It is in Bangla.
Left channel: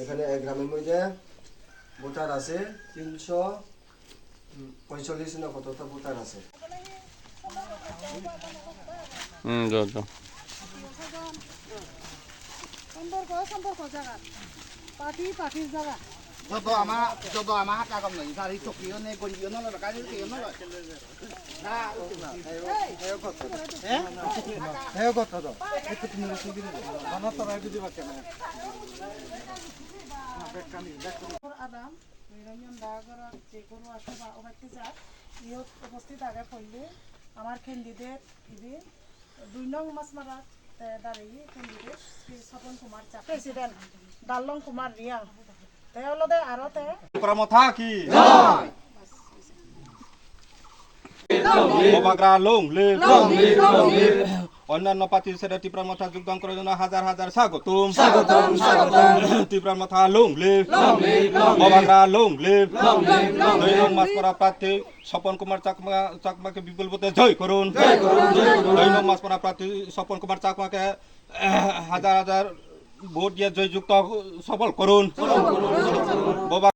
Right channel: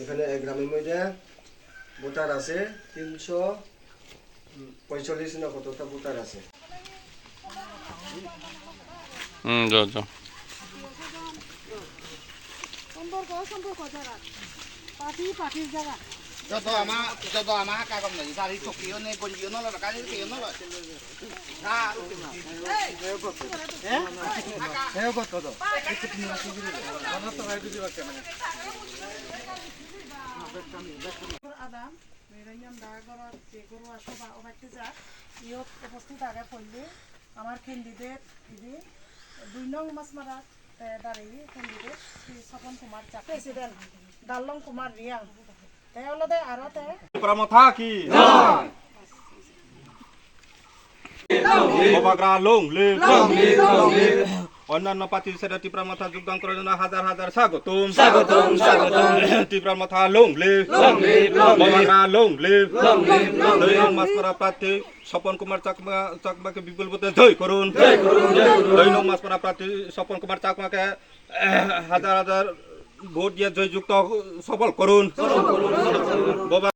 এখানে গ্রামের মধ্যে ভোটার আছে 345 না কতটা ভোটার আছে। যত আমার কাগজ নেই সারি চকিও নেই গঞ্জিও নল কাজে কেও নল না হ্যাঁ কত দাও না তো রাইতে দিবা কেন আদাম নিরঞ্জন দাগর যে গরু আসবা ওবাইতে যা ইয়ত উপস্থিত আগে পড়লে আমার ক্যান্ডিডেট ইদি 2 নং মাসমারা দাঁড়িয়ে ক্যান্ডিডেট স্বপন কুমার চা প্রেসিডেন্ট ডালং কুমার রিয়াং তেওলদে আরতে প্রমথা কি জয় বাবাগ্রা লং লে অন্যান্য প্রার্থীর সাথে ত্রিপুরার মাথা যোগদান করার জন্য হাজার হাজার স্বাগতম ত্রিপুরার মাথা লং লে বাবাগ্রা লং লে 2 নং মাসপাড়া প্রার্থী স্বপন কুমার চাকমাকে বিপুল ভোটে জয় করুন 2 নং মাসপাড়া প্রার্থী স্বপন কুমার চাকমাকে হাজার হাজার ভোট দিয়ে জয়যুক্ত সফল করুন।